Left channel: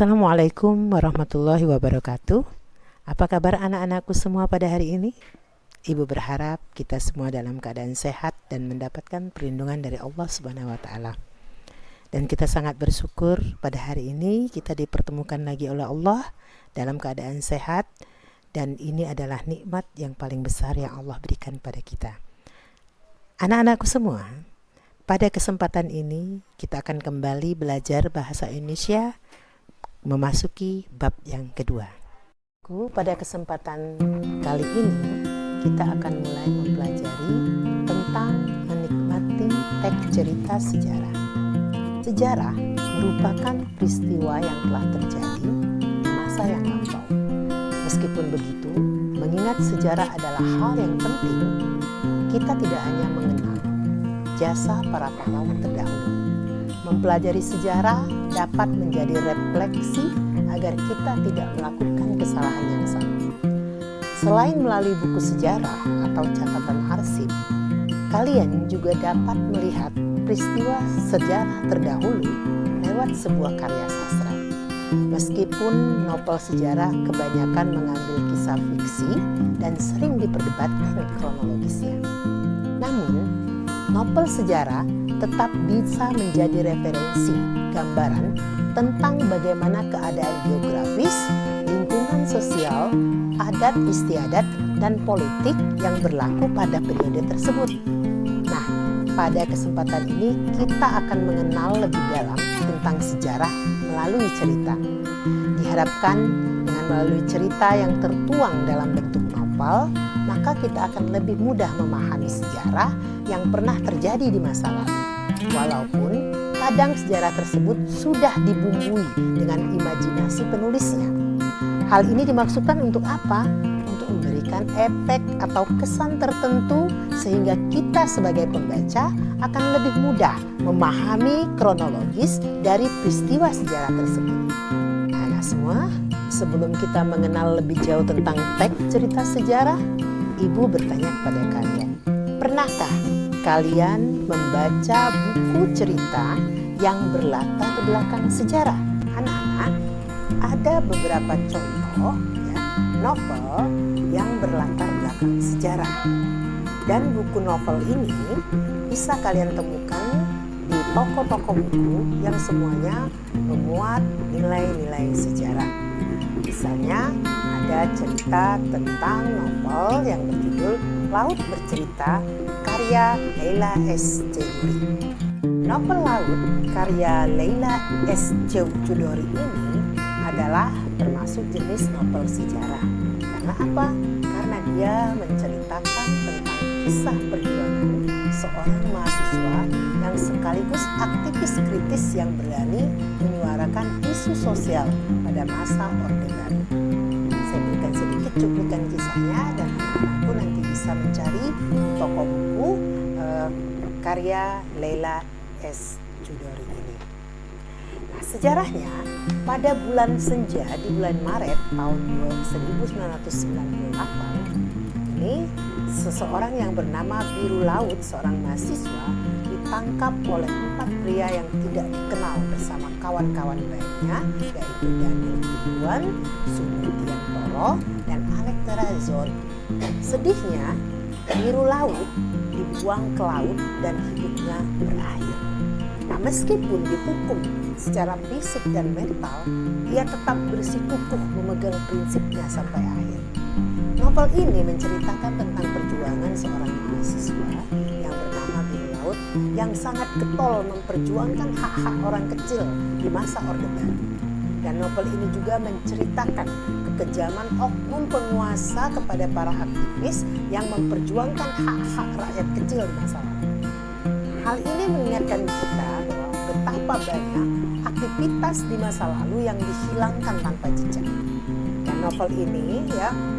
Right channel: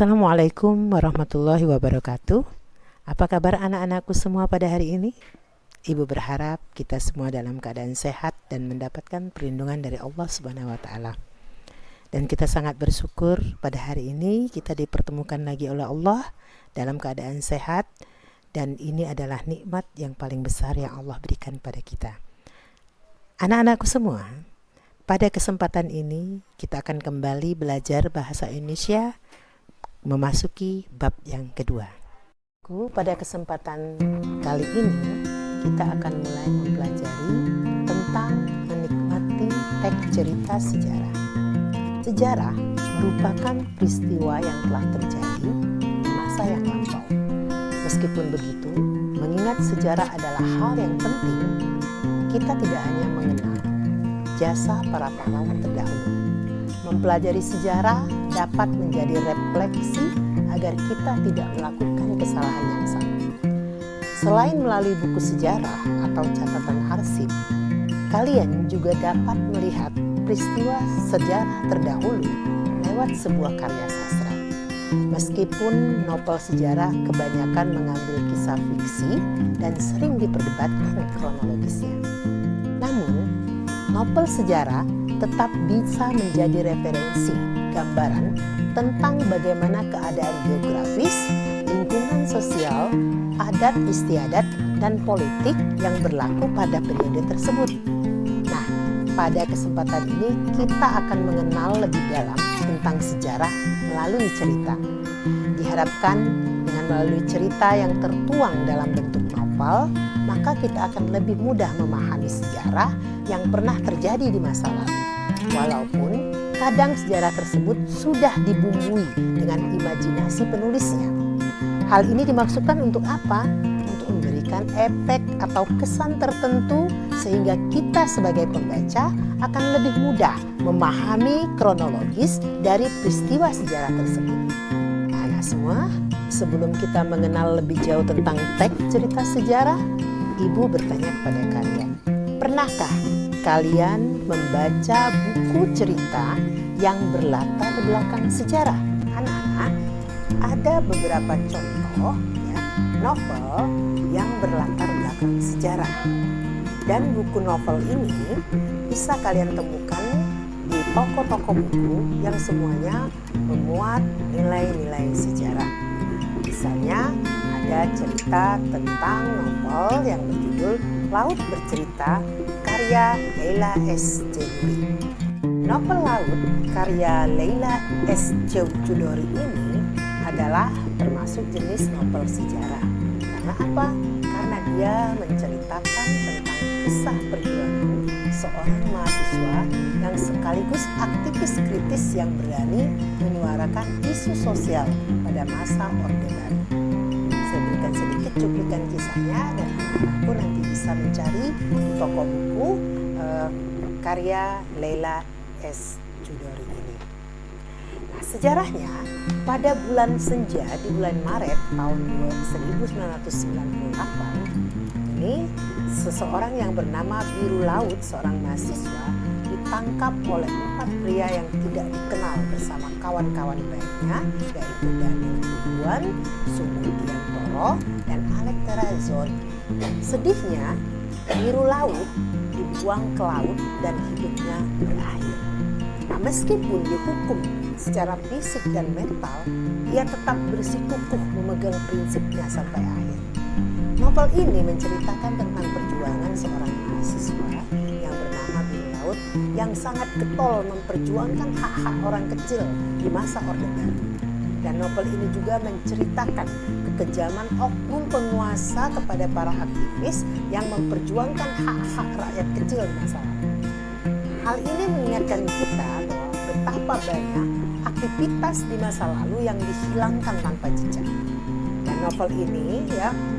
Assalamualaikum warahmatullahi wabarakatuh. Apa kabar anak-anakku semua pada hari ini? Ibu berharap kita semua dalam keadaan sehat dan mendapatkan perlindungan dari Allah Subhanahu wa taala. Dan kita sangat bersyukur pada hari ini kita dipertemukan lagi oleh Allah dalam keadaan sehat, dan ini adalah nikmat yang paling besar yang Allah berikan pada kita. Anak-anakku semua, pada kesempatan ini kita akan kembali belajar bahasa Indonesia memasuki bab yang kedua. Pada kesempatan kali ini kita akan mulai mempelajari tentang menikmati teks cerita sejarah. Sejarah merupakan peristiwa yang telah terjadi di masa yang lampau. Meskipun begitu, mengingat sejarah adalah hal yang penting, kita tidak hanya mengenang jasa para pahlawan terdahulu. Mempelajari sejarah dapat menjadi refleksi agar kita tidak melakukan kesalahan yang sama. Selain melalui buku sejarah atau catatan arsip, kalian juga dapat melihat peristiwa sejarah terdahulu lewat sebuah karya sastra. Meskipun novel sejarah kebanyakan mengambil kisah fiksi dan sering diperdebatkan kronologisnya. Namun, novel sejarah tetap bisa menjadi referensi gambaran tentang bagaimana keadaan geografis, lingkungan sosial, adat istiadat, dan politik yang berlaku pada periode tersebut. Nah, pada kesempatan ini kita akan mengenal lebih dalam tentang sejarah melalui cerita. Diharapkan dengan melalui cerita yang tertuang dalam bentuk novel, maka kita akan lebih mudah memahami sejarah yang pernah terjadi di masa lalu. Walaupun kadang sejarah tersebut sudah dibumbui dengan imajinasi penulisnya. Hal ini dimaksudkan untuk apa? Untuk memberikan efek atau kesan tertentu sehingga kita sebagai pembaca akan lebih mudah memahami kronologis dari peristiwa sejarah tersebut. Anak semua, sebelum kita mengenal lebih jauh tentang teks cerita sejarah, Ibu bertanya kepada kalian, pernahkah kalian membaca buku cerita yang berlatar belakang sejarah? Anak-anak, ada beberapa contoh novel yang berlatar belakang sejarah. Dan buku novel ini bisa kalian temukan di toko-toko buku yang semuanya memuat nilai-nilai sejarah. Misalnya ada cerita tentang novel yang berjudul Laut Bercerita karya Leila S. Chudori. Novel Laut karya Leila S. Chudori ini adalah termasuk jenis novel sejarah. Karena apa? Karena dia menceritakan tentang kisah perjuangan seorang mahasiswa yang sekaligus aktivis kritis yang berani menyuarakan isu sosial pada masa Orde Baru. Saya berikan sedikit cuplikan kisahnya dan anak-anakku nanti bisa mencari di toko buku karya Leila S. Chudori ini. Nah, sejarahnya pada bulan Senja di bulan Maret tahun 1998 ini seseorang yang bernama Biru Laut, seorang mahasiswa, ditangkap oleh 4 pria yang tidak dikenal bersama kawan-kawan baiknya, yaitu Daniel Tubuan, Sumudiantoro, dan Alek Terazon. Sedihnya, Biru Laut dibuang ke laut dan hidupnya berakhir. Nah, meskipun dihukum secara fisik dan mental, ia tetap bersikukuh memegang prinsipnya sampai akhir. Novel ini menceritakan tentang perjuangan seorang mahasiswa yang bernama Biru Laut yang sangat getol memperjuangkan hak-hak orang kecil di masa Orde Baru. Dan novel ini juga menceritakan kekejaman oknum penguasa kepada para aktivis yang memperjuangkan hak-hak rakyat kecil di masa lalu. Hal ini mengingatkan kita bahwa betapa banyak aktivitas di masa lalu yang dihilangkan tanpa jejak. Dan novel ini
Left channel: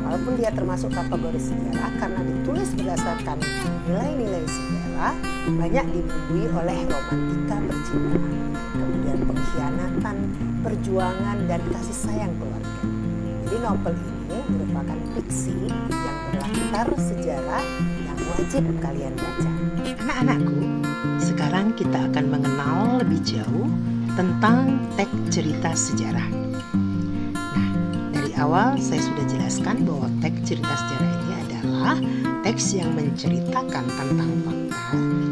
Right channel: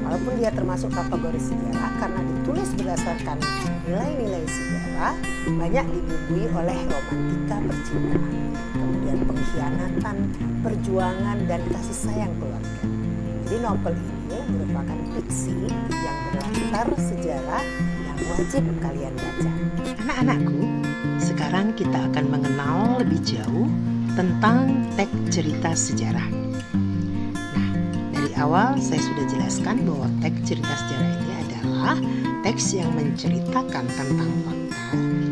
walaupun dia termasuk kategori sejarah karena ditulis berdasarkan nilai-nilai sejarah, banyak dibumbui oleh romantika percintaan, kemudian pengkhianatan, perjuangan, dan kasih sayang keluarga. Jadi novel ini merupakan fiksi yang berlatar sejarah yang wajib kalian baca. Anak-anakku, sekarang kita akan mengenal lebih jauh tentang teks cerita sejarah. Dari awal saya sudah jelaskan bahwa teks cerita sejarah ini adalah teks yang menceritakan tentang fakta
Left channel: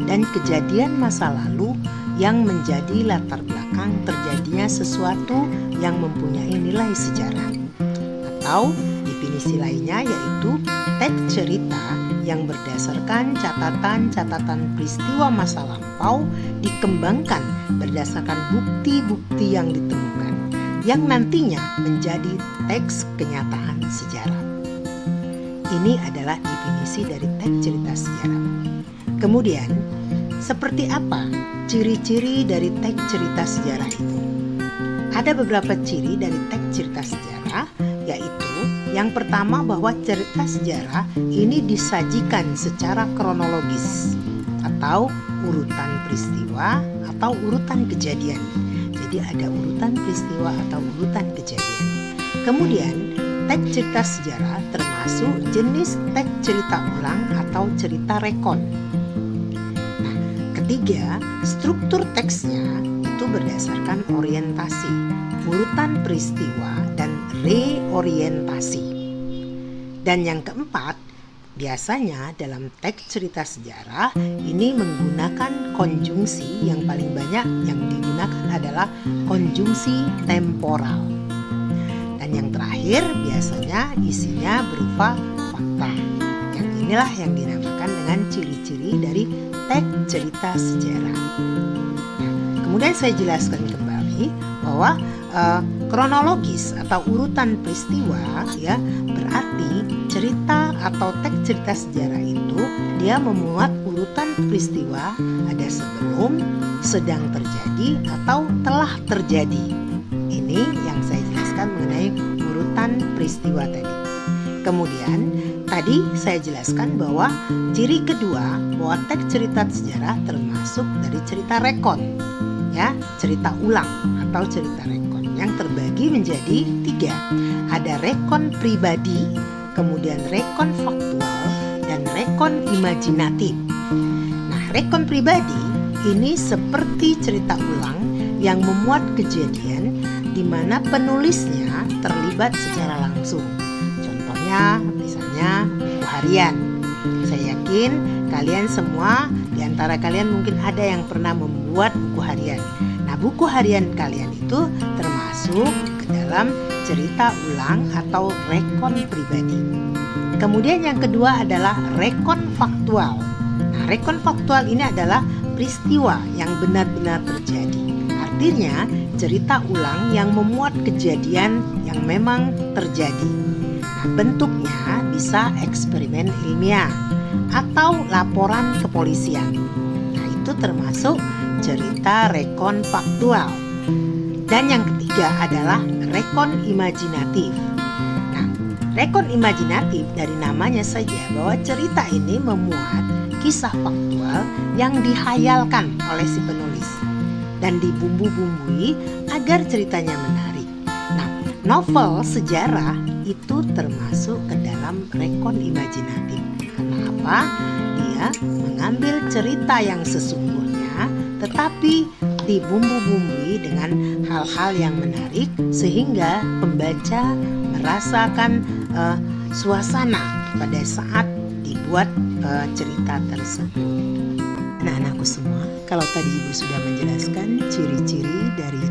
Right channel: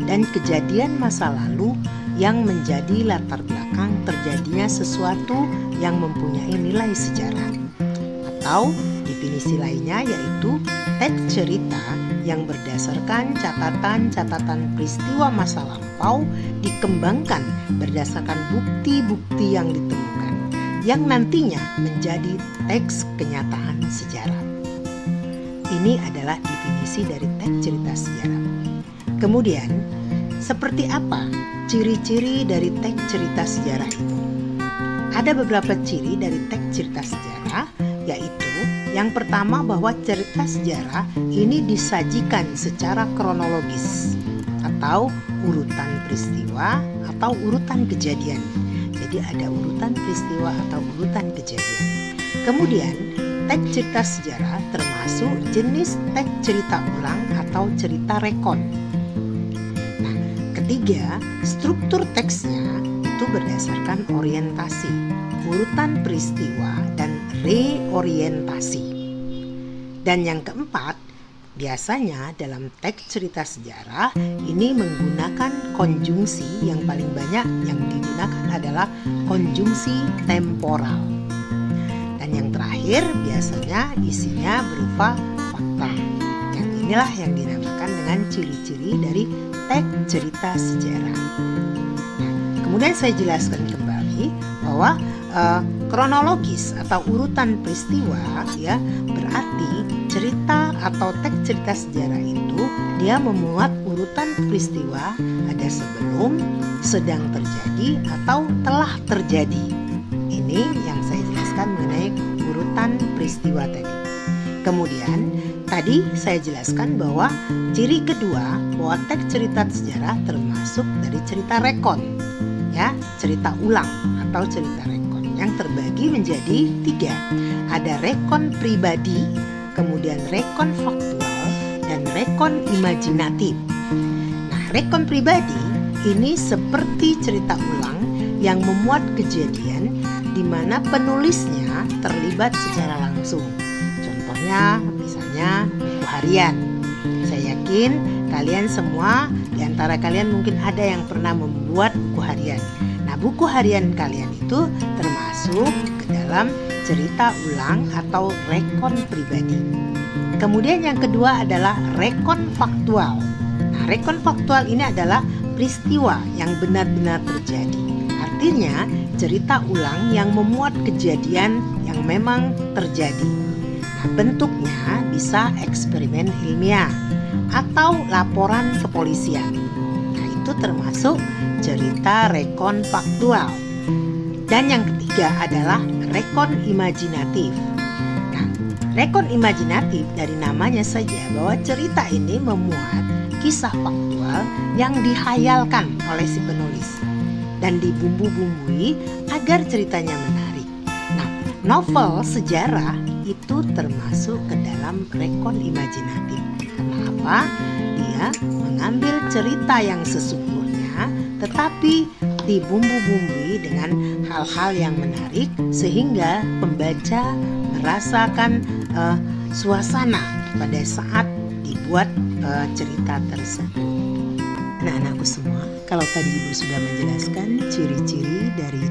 dan kejadian masa lalu yang menjadi latar belakang terjadinya sesuatu yang mempunyai nilai sejarah. Atau definisi lainnya yaitu teks cerita yang berdasarkan catatan-catatan peristiwa masa lampau dikembangkan berdasarkan bukti-bukti yang ditemukan, yang nantinya menjadi teks kenyataan sejarah. Ini adalah definisi dari teks cerita sejarah. Kemudian, seperti apa ciri-ciri dari teks cerita sejarah itu? Ada beberapa ciri dari teks cerita sejarah, yaitu yang pertama bahwa cerita sejarah ini disajikan secara kronologis atau urutan peristiwa atau urutan kejadian. Jadi ada urutan peristiwa atau urutan kejadian. Kemudian teks cerita sejarah termasuk jenis teks cerita ulang atau cerita rekon. Nah, ketiga, struktur teksnya itu berdasarkan orientasi, urutan peristiwa dan reorientasi. Dan yang keempat, biasanya dalam teks cerita sejarah ini menggunakan konjungsi. Yang paling banyak yang digunakan adalah konjungsi temporal. Dan yang terakhir biasanya isinya berupa fakta. Yang inilah yang dinamakan dengan ciri-ciri dari teks cerita sejarah. Nah, kemudian saya jelaskan kembali bahwa kronologis atau urutan peristiwa ya berarti cerita atau teks cerita sejarah itu dia memuat urutan peristiwa ada sebelum, sedang terjadi atau telah terjadi. Ini yang saya jelaskan mengenai urutan peristiwa tadi. Kemudian tadi saya jelaskan bahwa ciri kedua bahwa teks cerita sejarah termasuk dari cerita rekon, ya, cerita ulang atau cerita rekon yang terbagi menjadi 3. Ada rekon pribadi, kemudian rekon faktual, dan rekon imajinatif. Nah, rekon pribadi ini seperti cerita ulang yang memuat kejadian di mana penulisnya terlibat secara langsung. Contohnya misalnya buku harian. Saya yakin kalian semua di antara kalian mungkin ada yang pernah membuat buku harian. Nah, buku harian kalian itu termasuk ke dalam cerita ulang atau rekon pribadi. Kemudian yang kedua adalah rekon faktual. Nah, rekon faktual ini adalah peristiwa yang benar-benar terjadi. Artinya cerita ulang yang memuat kejadian yang memang terjadi. Nah, bentuknya bisa eksperimen ilmiah atau laporan kepolisian. Nah, itu termasuk cerita rekon faktual. Dan yang ketiga adalah rekon imajinatif. Nah, rekon imajinatif dari namanya saja bahwa cerita ini memuat kisah faktual yang dihayalkan oleh si penulis dan dibumbu-bumbui agar ceritanya menarik. Nah, novel sejarah itu termasuk ke dalam rekon imajinatif. Karena apa? Dia mengambil cerita yang sesungguhnya tetapi dibumbu-bumbui dengan hal-hal yang menarik sehingga pembaca merasakan suasana pada saat dibuat cerita tersebut. Anak-anakku semua, kalau tadi Ibu sudah menjelaskan ciri-ciri dari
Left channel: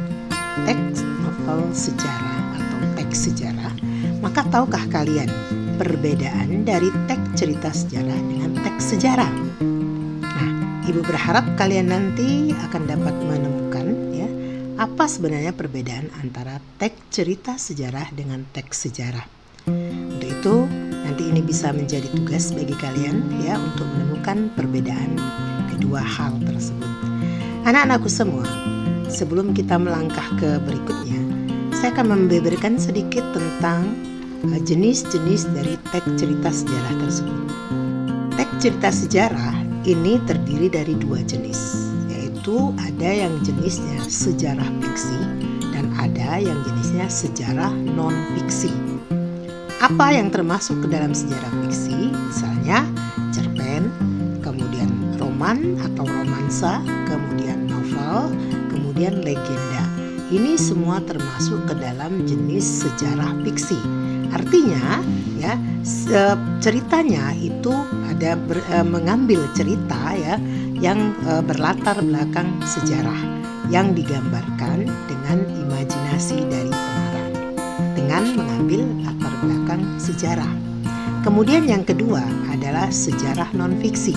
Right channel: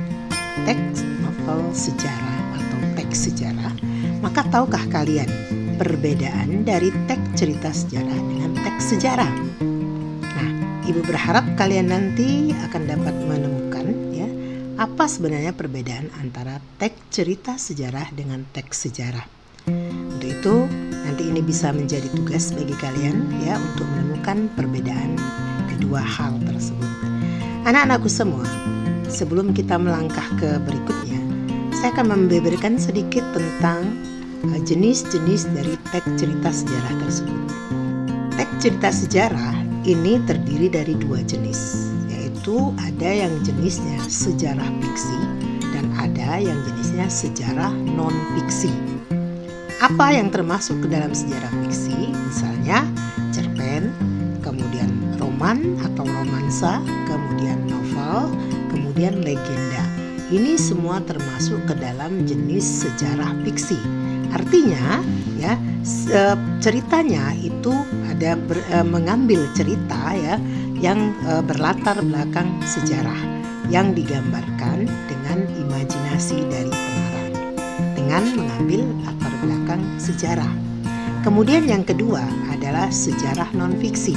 teks novel sejarah atau teks sejarah, maka tahukah kalian perbedaan dari teks cerita sejarah dengan teks sejarah? Nah, Ibu berharap kalian nanti akan dapat menemukan ya apa sebenarnya perbedaan antara teks cerita sejarah dengan teks sejarah. Untuk itu, nanti ini bisa menjadi tugas bagi kalian ya untuk menemukan perbedaan kedua hal tersebut. Anak-anakku semua, sebelum kita melangkah ke berikutnya, saya akan memberikan sedikit tentang jenis-jenis dari teks cerita sejarah tersebut. Teks cerita sejarah ini terdiri dari 2 jenis, yaitu ada yang jenisnya sejarah fiksi dan ada yang jenisnya sejarah non-fiksi. Apa yang termasuk ke dalam sejarah fiksi? Misalnya cerpen, kemudian roman atau romansa, kemudian novel, kemudian legenda. ini semua termasuk ke dalam jenis sejarah fiksi. Artinya ya, ceritanya itu ada mengambil cerita ya yang berlatar belakang sejarah yang digambarkan dengan imajinasi dari pengarang dengan mengambil latar belakang sejarah. Kemudian yang kedua adalah sejarah non-fiksi.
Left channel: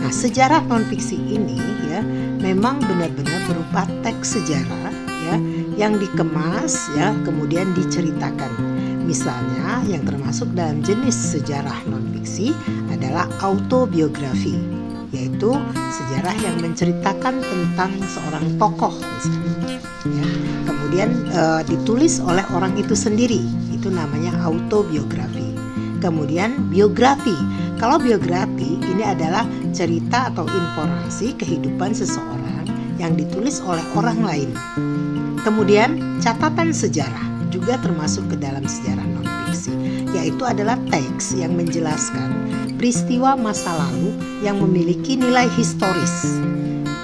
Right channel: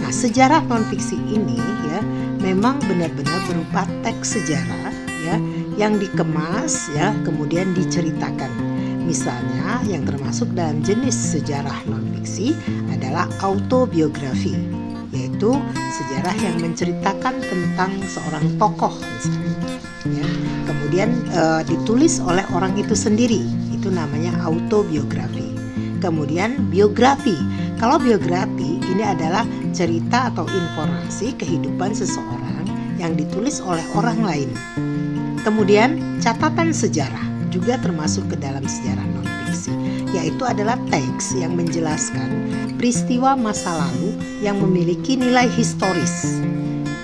Nah, sejarah non-fiksi ini ya memang benar-benar berupa teks sejarah ya yang dikemas ya kemudian diceritakan. Misalnya yang termasuk dalam jenis sejarah non-fiksi adalah autobiografi, yaitu sejarah yang menceritakan tentang seorang tokoh misalnya. Ya, kemudian ditulis oleh orang itu sendiri, itu namanya autobiografi. Kemudian biografi. Kalau biografi ini adalah cerita atau informasi kehidupan seseorang yang ditulis oleh orang lain. Kemudian catatan sejarah juga termasuk ke dalam sejarah non-fiksi, yaitu adalah teks yang menjelaskan peristiwa masa lalu yang memiliki nilai historis.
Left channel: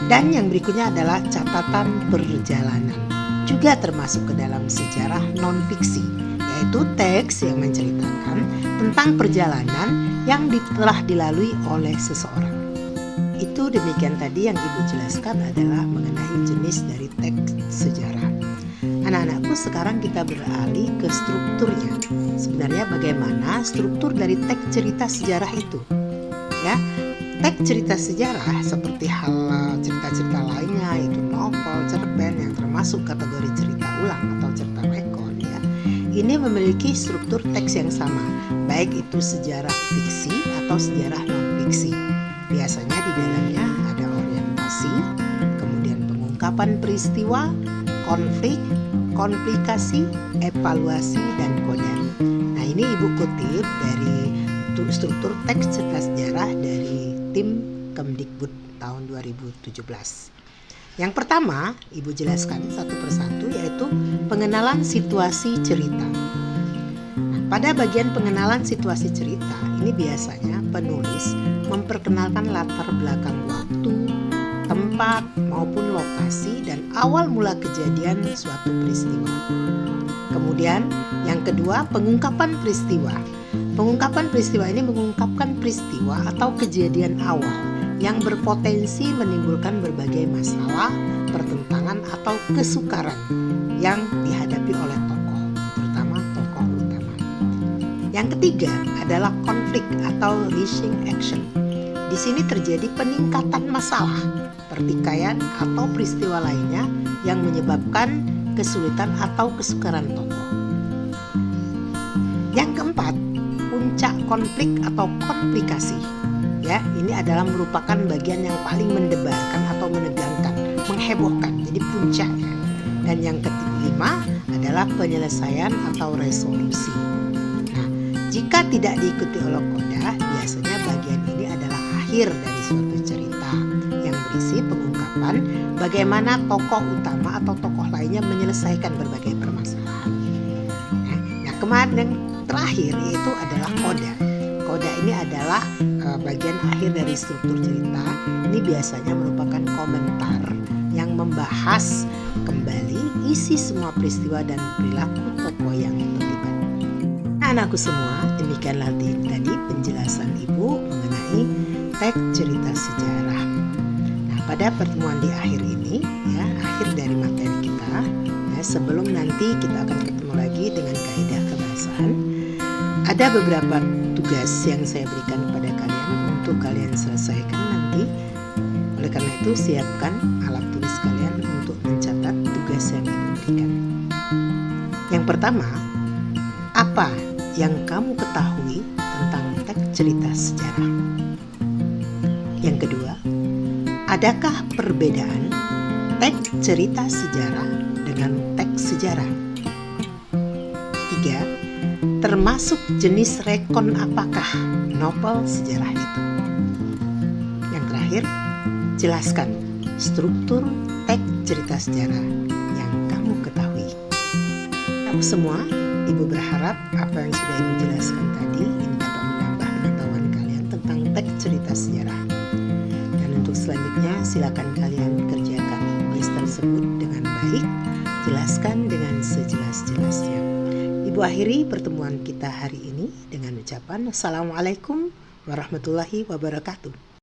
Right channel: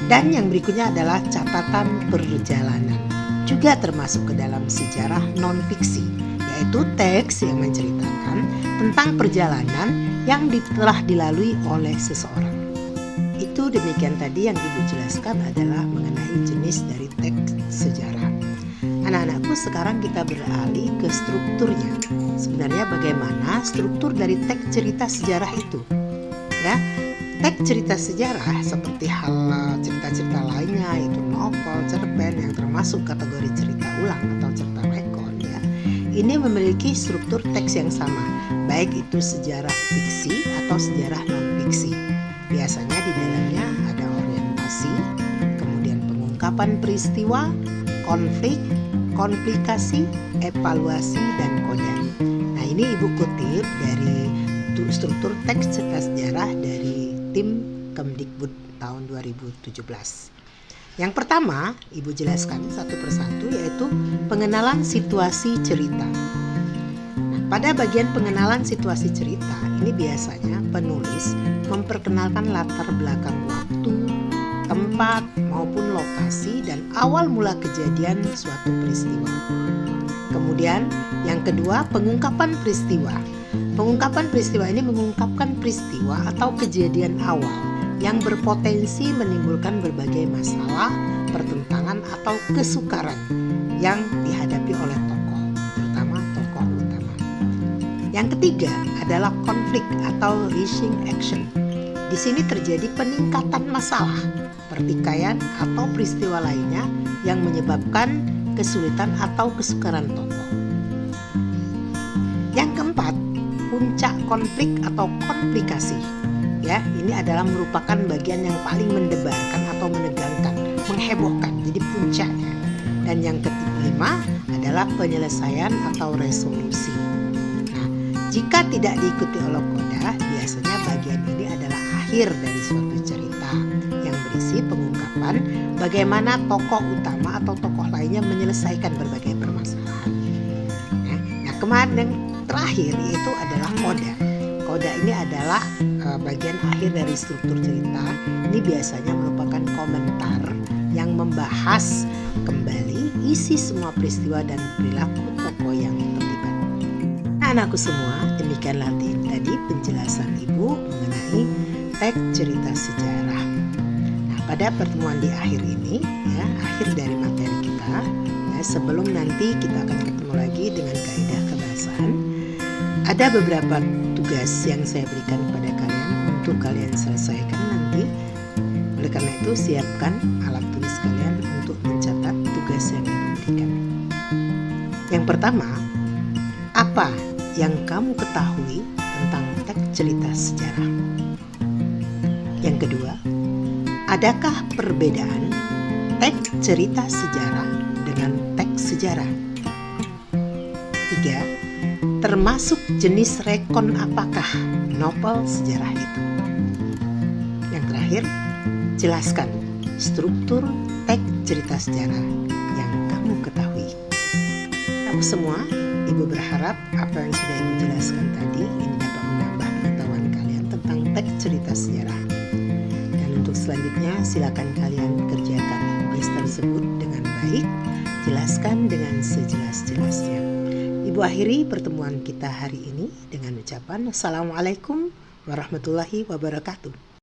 Dan yang berikutnya adalah catatan perjalanan, juga termasuk ke dalam sejarah non-fiksi, yaitu teks yang menceritakan tentang perjalanan yang telah dilalui oleh seseorang. Itu demikian tadi yang Ibu jelaskan adalah mengenai jenis dari teks sejarah. Anak-anakku, sekarang kita beralih ke strukturnya. Sebenarnya bagaimana struktur dari teks cerita sejarah itu? Ya, teks cerita sejarah seperti hal cerita-cerita lainnya, yaitu novel, cerpen yang termasuk kategori cerita ulang atau cerita rekon ya. Ini memiliki struktur teks yang sama, baik itu sejarah fiksi atau sejarah non-fiksi. Biasanya di dalamnya ada orientasi, kemudian pengungkapan peristiwa, konflik, komplikasi, evaluasi, dan koda. Nah, ini Ibu kutip dari struktur teks cerita sejarah dari tim Kemdikbud tahun 2017. Yang pertama, Ibu jelaskan satu persatu, yaitu pengenalan situasi cerita. Nah, pada bagian pengenalan situasi cerita, ini biasanya penulis memperkenalkan latar belakang waktu, tempat, maupun lokasi dan awal mula kejadian suatu peristiwa. Kemudian, yang kedua, pengungkapan peristiwa. Pengungkapan peristiwa ini mengungkapkan peristiwa atau kejadian awal yang berpotensi menimbulkan berbagai masalah, pertentangan, atau kesukaran yang dihadapi oleh tokoh, terutama tokoh utama. Yang ketiga adalah konflik atau rising action. Di sini terjadi peningkatan masalah, pertikaian, atau peristiwa lainnya yang menyebabkan kesulitan atau kesukaran tokoh. Yang keempat, puncak konflik atau komplikasi. Ya, ini adalah merupakan bagian yang paling mendebarkan atau menegangkan, menghebohkan, jadi puncaknya. Dan yang kelima adalah penyelesaian atau resolusi. Nah, jika tidak diikuti oleh koda, biasanya bagian ini adalah akhir dari suatu cerita yang berisi pengungkapan bagaimana tokoh utama atau tokoh lainnya menyelesaikan berbagai permasalahan. Nah, kemarin yang terakhir yaitu adalah koda. Koda ini adalah bagian akhir dari struktur cerita. Ini biasanya merupakan komentar yang membahas kembali isi semua peristiwa dan perilaku tokoh yang terlibat. Nah, anakku semua, demikianlah tadi penjelasan Ibu mengenai teks cerita sejarah. Nah, pada pertemuan di akhir ini, ya, akhir dari materi kita, ya, sebelum nanti kita akan ketemu lagi dengan kaidah kebahasaan, ada beberapa tugas yang saya berikan kepada kalian untuk kalian selesaikan nanti. Oleh karena itu, siapkan alat tulis kalian untuk mencatat tugas yang Ibu berikan. Yang pertama, apa yang kamu ketahui tentang teks cerita sejarah? Yang kedua, adakah perbedaan teks cerita sejarah dengan teks sejarah? 3. Termasuk jenis rekon apakah novel sejarah itu? Yang terakhir, jelaskan struktur teks cerita sejarah yang kamu ketahui. Aku semua, Ibu berharap apa yang sudah Ibu jelaskan tadi ini dapat menambah pengetahuan kalian tentang teks cerita sejarah. Dan untuk selanjutnya silakan kalian kerjakan tugas tersebut dengan baik. jelaskan dengan sejelas-jelasnya. Ibu akhiri pertemuan kita hari ini dengan ucapan Assalamualaikum warahmatullahi wabarakatuh.